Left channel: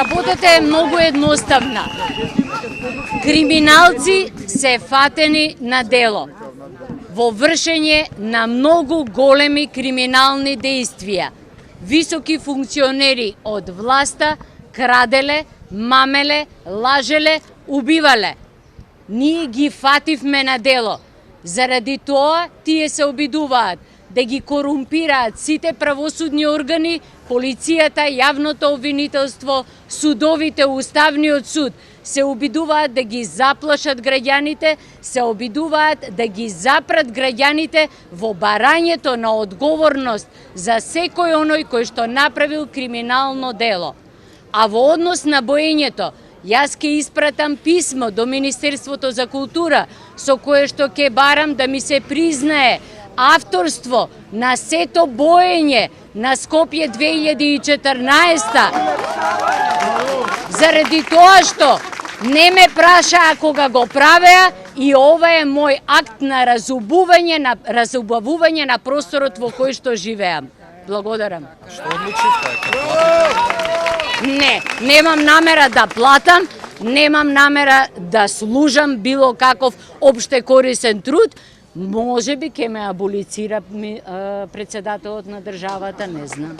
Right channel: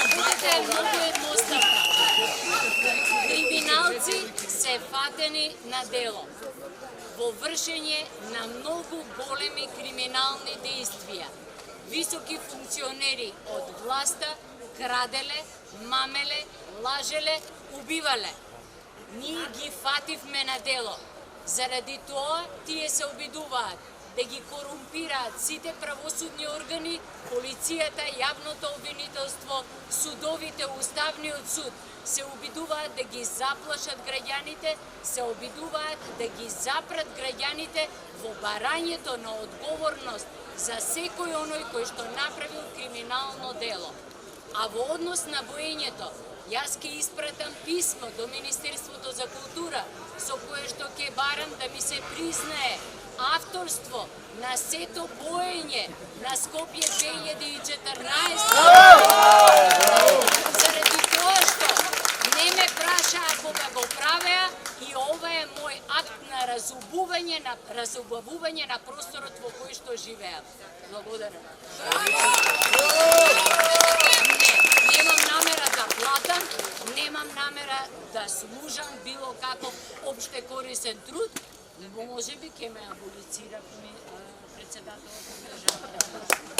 Работата е многу едноставна. Криминалци се фатени на дело во вршење на многу големи криминални действија. Високи функционери од власта краделе, мамеле, лажеле, убивале. Ние ги фативме на дело. Заради тоа тие се обидуваат да ги корумпираат сите правосудни органи, полицијата, јавното обвинителство, судовите, уставниот суд. Се обидуваат да ги заплашат граѓаните, се обидуваат да ги запрат граѓаните во барањето на одговорност за секој оној кој што направил криминално дело. А во однос на боењето, јас ќе испратам писмо до Министерството за култура со кое што ќе барам да ми се признае авторство на сето боење на Скопје 2014. Заради тоа што не ме прашаа кога го правеа и ова е мој акт на разубавување на просторот во кој што живеам. Благодарам. Не, немам намера да платам, немам намера да служам било каков општекорисен труд. Може би ќе ме аболицира председателот на државата, не знам.